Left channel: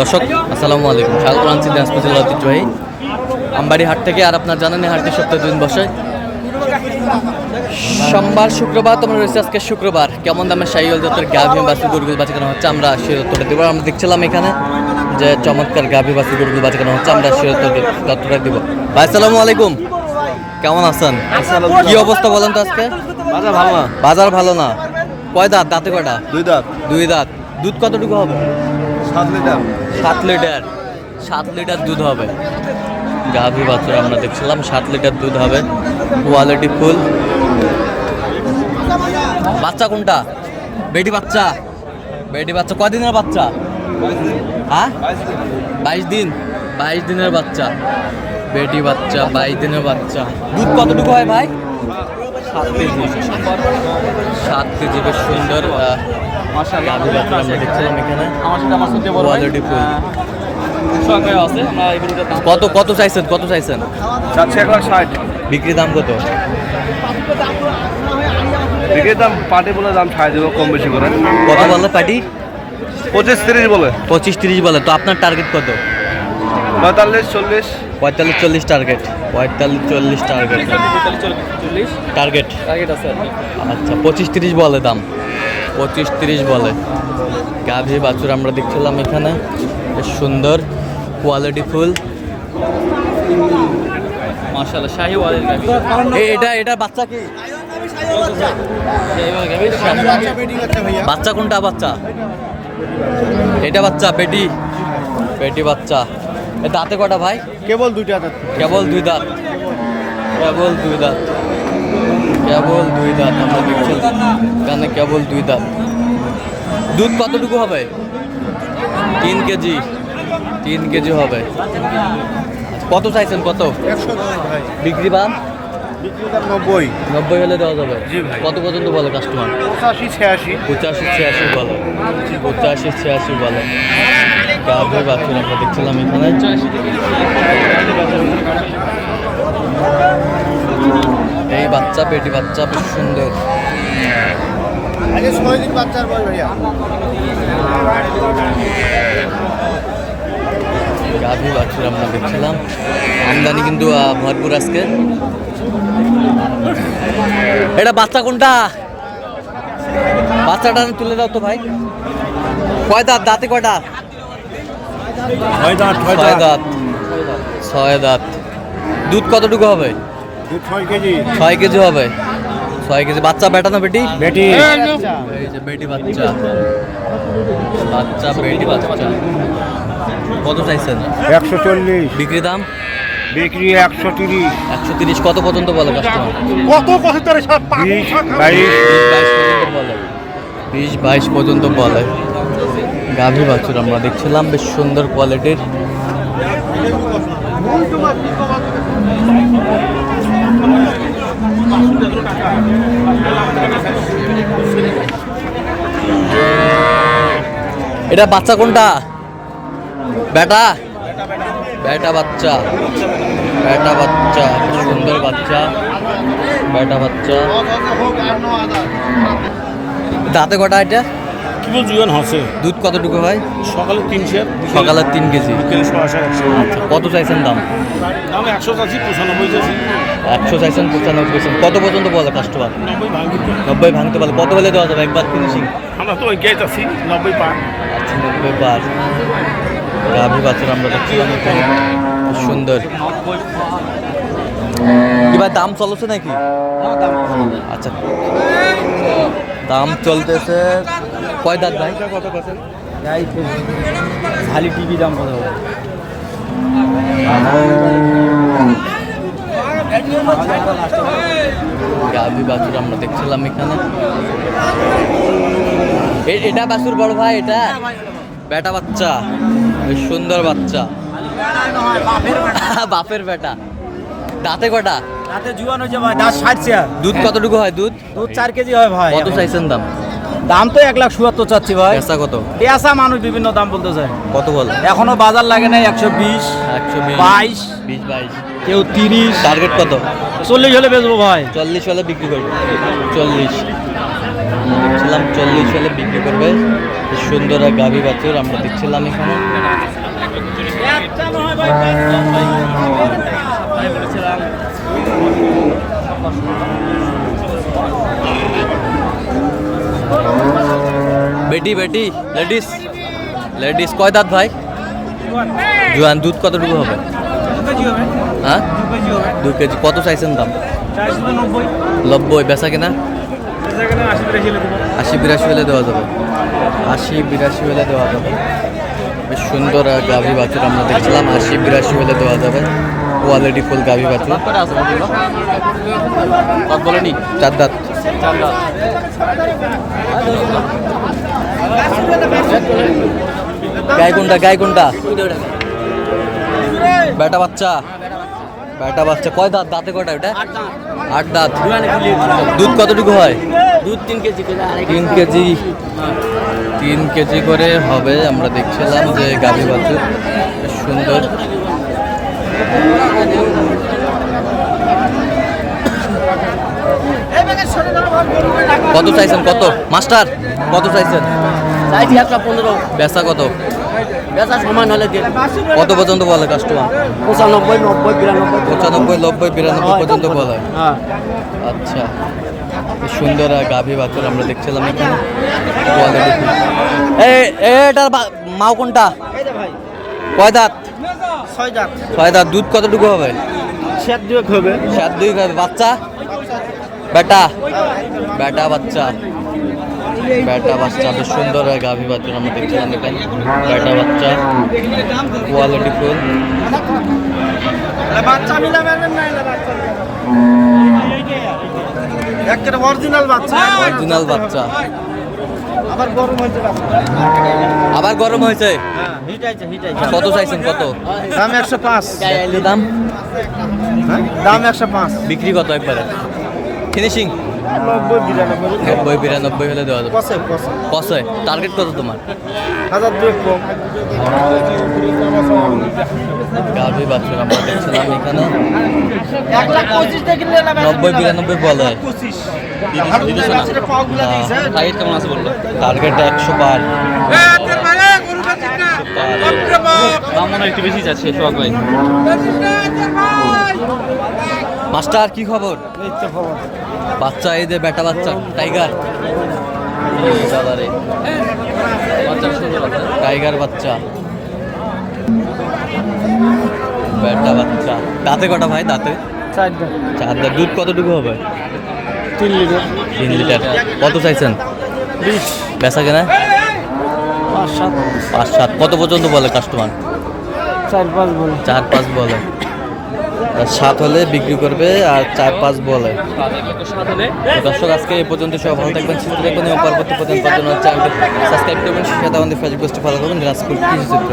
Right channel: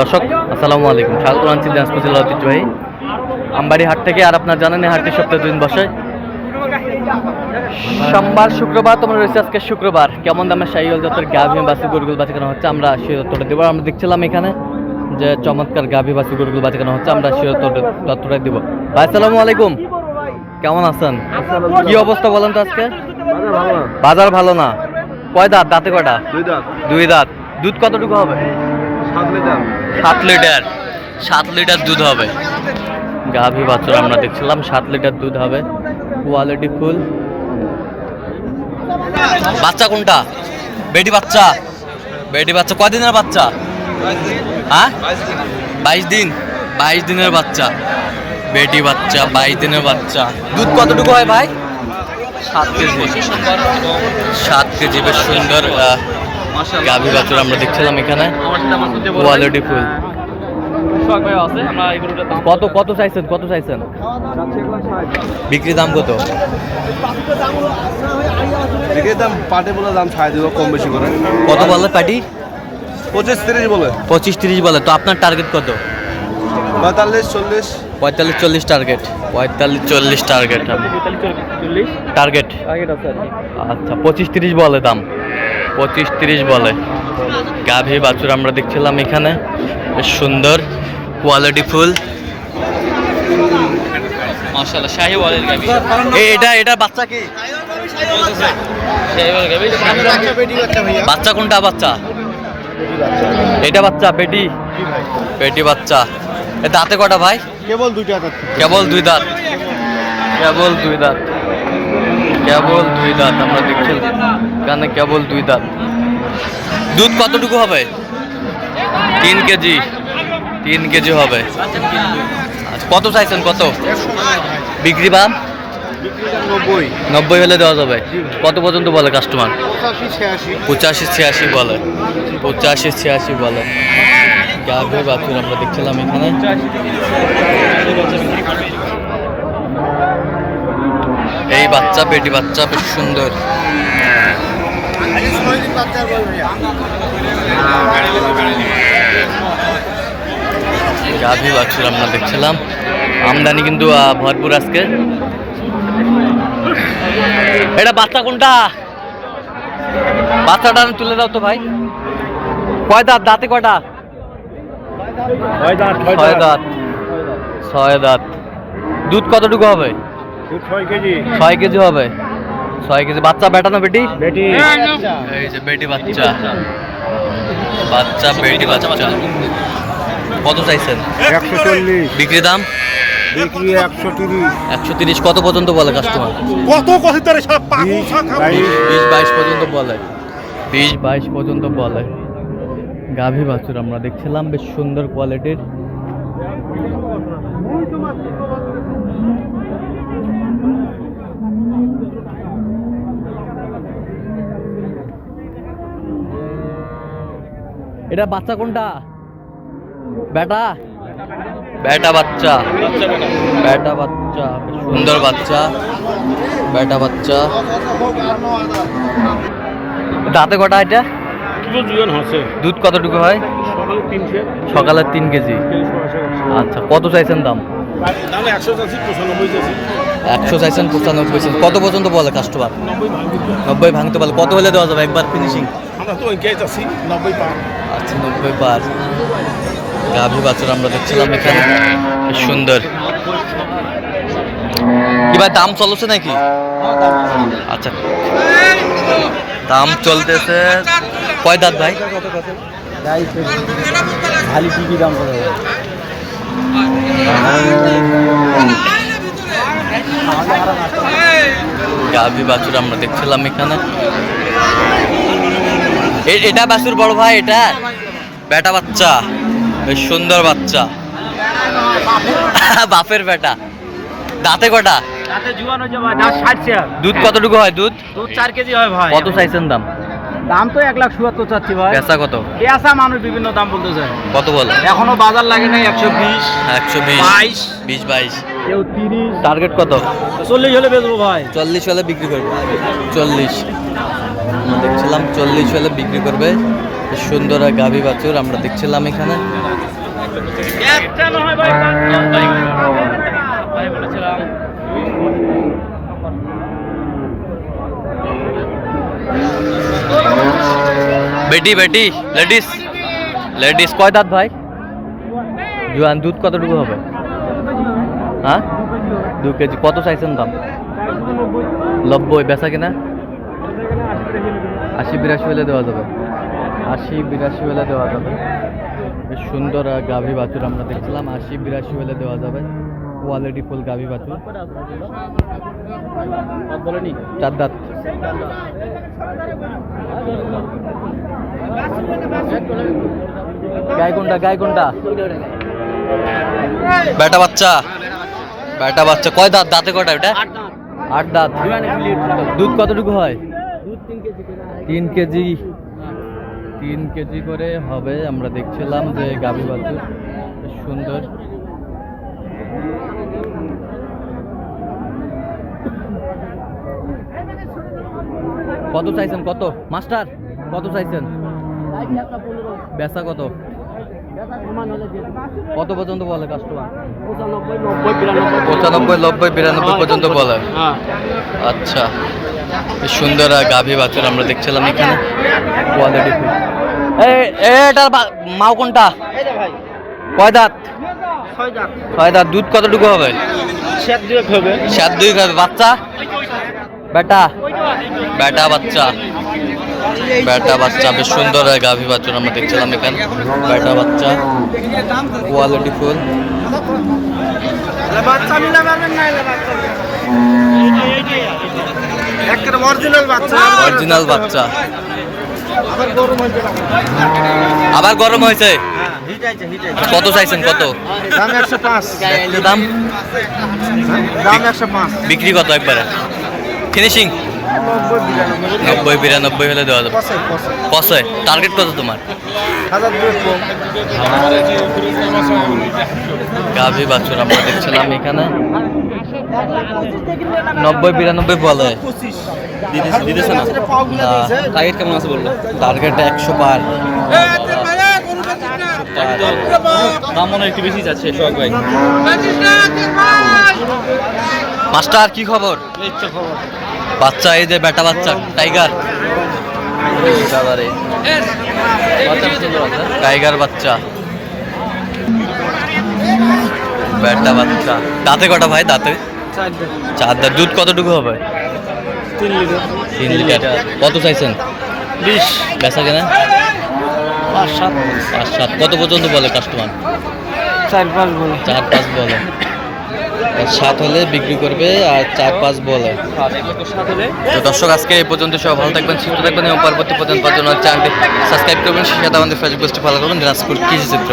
দর্শক আসসালামু আলাইকুম। স্বাগত আনছি দিনাজপুর ঐতিহ্যবাহী আমবাড়ি হাট থেকে আর আপনার জানেন হাটটি সপ্তাহে দুদিন বসে। সোমবার শুক্রবার তোমরা রয়েছে আজকে শুক্রবার। কেমন দামে সাইল জাতের গাভী বাসি গরুগুলো বাঁচা কেনা হচ্ছে আমরা সে তত্ত্বটা দেবো। আমরা দেখছিলাম এখানে যে চমৎকার গাভী বাসি গরুগুলো বাঁচা কেনা হচ্ছে আমরা সে তত্ত্বটা দিব। ভাই আসসালামু আলাইকুম। কেমন আছেন? কি অবস্থা বলেন তো আজকে? বাজার ভালো না। বাজার ভালো না। কয় দাঁত? দাঁতে কয়টা? দুই দাঁত। দুই দাঁত। দুধ কতটুকু হবে? সাত লিটার? সাত লিটার। দুধ হবে। গাভী বাছুর আমরা দেখছিলাম, সাত লিটার দুধ হবে। Quality full. বাচ্চা কোনটা? বেটি বাচ্চা? বেটি বাচ্চা কদিনের বাচ্চা? হ্যাঁ? বাইশ দিন। বাইশ দিনের বাচ্চা। বেটি বাচ্চা, বাইশ দিনের বাচ্চা। দুধ কতটুকু হয় ভাই? সাত কেজি। সাত কেজি, বেশ সুন্দর গাভী বাছুর আমরা দেখছিলাম এখানে। Quality full. কত কত চাইছেন কত চাইছেন? বিক্রি দাম কত? বিক্রির দাম পাটে বলে দাম ছাড় দেবো কম বেশি করে। কত বলে পাটি পঁচিশ তিরিশ বলে। পঁচিশ তিরিশ বলে তো আপনার টার্গেট কত? পঁয়তাল্লিশ চল্লিশ। পঁয়তাল্লিশ চল্লিশ টার্গেট পঁয়তাল্লিশ চল্লিশ টার্গেট টার্গেট আচ্ছা পঁচিশ তিরিশ বলে দাম। পঁচিশ তিরিশ বলে। গাভী বাছুর আমরা দেখছিলাম এখানে। বেশ সুন্দর কোয়ালিটি ফুল। এই এটা এটা বাচ্চা কি? বাচ্চা কোনটা বাচ্চা? এটা বাচ্চা পেটি। পেটি বাচ্চা। এ দাঁতে কটা ভাই? কেবল দুইটা দাঁত। কেবল দুই দাঁত। কেবল দুই দাঁত। কেবল দুই দাঁত আমরা দেখছি এখানে কেবল দুই দাঁত। দুধ কতটুকু হবে? তিন কেজি। তিন কেজি হবে। কত চাইছেন কত? বিক্রি বাম নব্বই। নব্বই হলে দেওয়া যাবে। কত পর্যন্ত বলে কাস্টমার? পঁচাশি ছিয়াশি। বলে। পঁচাশি ছিয়াশি বলে। গাভী বাছুর আমরা দেখছিলাম এখানে এই বাচ্চা পেটি বাচ্চা বেশ সুন্দর। গাভী বাছুর আমরা দেখছিলাম। আমদানি কিন্তু ভরপুর আজকে। এটা বাচ্চা কোনটা? বাচ্চাটা তুলে দাও তো ভাই। কয় দাঁত দাঁতে কয়টা ছয় দাঁত ছয় দাঁত। দুধ কতটুকু হবে? ছয় কেজি। হবে। ছয় কেজি। বাচ্চা বেটা না বেটি? বেটি। এই যে বেটি বাচ্চা। বাচ্চা বেটি বাচ্চা। কত চাইছেন? একশো চল্লিশ। বিক্রি দাম? বিক্রি একশো তিরিশ। একশো তিরিশ। কত পর্যন্ত বলে কাস্টমার কত কত বিশ বাইশ। বিশ বাইশ পর্যন্ত বলে। বিশ বাইশ পর্যন্ত বলে। গাভী বাছুর আমরা দেখছিলাম বেশ সুন্দর কোয়ালিটির এটা বাচ্চা কোনটা? বেটা বেটা বাচ্চা। বেটা বাচ্চা। সুন্দর বাচ্চা। বেটা বাচ্চা। দাঁতে কটা এটা? জীবন দুধ কতটুকু হয়? সকালে তিনশো। সকালে তিন কেজি। আচ্ছা কত চাইছেন দাম? একশো পঁচানব্বই একশো চাইছেন পঁচানব্বই চাইছেন। কত পর্যন্ত বলে কাস্টমার নব্বই ভাঙতে বলে কত হলে দেওয়া যাবে একবার ফিনিশিং আমরা তো চাষি নব্বই পার। আচ্ছা নব্বই বার গাভী বাছুর আমরা দেখছিলাম এখানে। সুন্দর। কি ভাই দাম চলছে নাকি? আচ্ছা। দাম চলতেছে কয় দাঁত ভাই? খালি টিভি দাম গাভী বাছুর আমরা দেখছিলাম এখানে। এটা বাছুর বড় ভাই এটা? বেটা বাচ্চা সুন্দর বাচ্চা। বাপের বেটা। দাঁতে কটা? দুধ কতটুকু হয় দুধ? দুধ চার কেজি হয় ভাই। কত চাইছেন দাম? দাম তো এক লাখ চুয়াত্তর চাচ্ছি ভাই। পেঁচা কত? পেঁয়াজা মানুষ বিভিন্ন দাম বলতে চায়। কত বলে? এখনও বাজার লাগে না একশো বিশ একশো বিশ। বাইশ। বিশ বাইশ। কেউ তিরিশ। টার্গেট কত? চল্লিশ হলে বেচবো ভাই। চল্লিশ হলে বিক্রি করব। চল্লিশ। দেখছিলাম চল্লিশ হলে বিক্রি করবে। সুন্দর আর গাভী বাছুর আমরা দেখছিলাম এখানে। বেটি বেটি লেডিস লেডিস কয় দাঁত ভাই? জোয়ান দুধ কতটুকু হবে? হ্যাঁ? দু কেজি কত চাইছেন দাম? নব্বই বেচা কিনা? আশি বিরাশি হলে দেওয়া যাবে। আশি বিরাশি হলে দেওয়া যাবে। বেশ সুন্দর গাভী বাছুর আমরা দেখছিলাম আশি বিরাশি হলে দেওয়া যাবে। কোয়ালিটি ফুল গাভী বাছুর। চার দাঁত। গায়ে কোনটা গায়ে কোনটা বেটা বাচ্চা। বেটা বাচ্চা। কয় দাঁত? দাঁতে কয়টা এটা আট দাঁত। দুধ কতটুকু হয়? দুধ তিন কেজি তিন কেজি। তিন কেজি করে হবে। আমরা দেখছিলাম যে গাভী বাছুর সুন্দর। কত চাইছেন? কত? মাস্টার কত চাইছেন? চাইছি একটা পনেরো। বেচা কত? বেচা সমান হলে কত পর্যন্ত বলে কাস্টমার পঁচানব্বই নব্বই বিরানব্বই। পঁচানব্বই নব্বই বিরানব্বই পর্যন্ত বলে। হ্যাঁ। আচ্ছা সুন্দর আর গাভী বাছুর আমরা দেখছিলাম এখানে। কোয়ালিটি এটার মাও কোনটা? কয় দাঁত? ছয় দাঁত। দুধ কতটুকু হবে? সেট দিয়ে খাবে সাত দুই খাবে বাচ্চা? বেটা। বেটা বাচ্চা। বেটা বাচ্চা বেশ সুন্দর গাভী বাচ্চা আমরা দেখছিলাম এখানে। বেটা বাচ্চা কোয়ালিটি ফুল। অরিজিনাল বাচ্চা। আবার গরম হয়েছে? কত চাইছেন কত? দাম একশো পাঁচ। দাম। দাম একশো পাঁচ। বিক্রি কত একবারে? ফিনিশিং নব্বই বিরানব্বই হলে দেওয়া যাবে। কষায় টার্গেট কত তোমার? গাভী বাছুর আমরা দেখছিলাম এখানে। নব্বই বিরানব্বই বলে। টার্গেট একশো পার। একটু বেশি যাচ্ছে ভাই? মাস্টার কি খবর? বাচ্চা এই যে বেটা বাচ্চা টাইগার। টাইগার বাচ্চা। বেটা বাচ্চা। দাঁতে কটা ভাই দাঁতে? চার দাঁত। দুধ কতটুকু হবে? তিন লিটার। কত চাইছেন? বিশ। বেচা কেনা? পাঁচ সাত। পাঁচ সাত। কত পর্যন্ত বলে কাস্টমার? চার পাঁচ বলে। চার পাঁচ বলে। সাত হলে বিক্রি করবে আর চার পাঁচ বলে। তো দর্শক, আজকে এই পর্যন্ত সব ভালো থাকবেন, সুস্থ থাকবেন এবং পরবর্তী পর্যন্ত চ্যানেলটি সাবস্ক্রাইব করবেন। সেটা আমাদের ফেসবুক পেজটি ফলো করবেন, দিনাজপুর কৃষি চিত্র।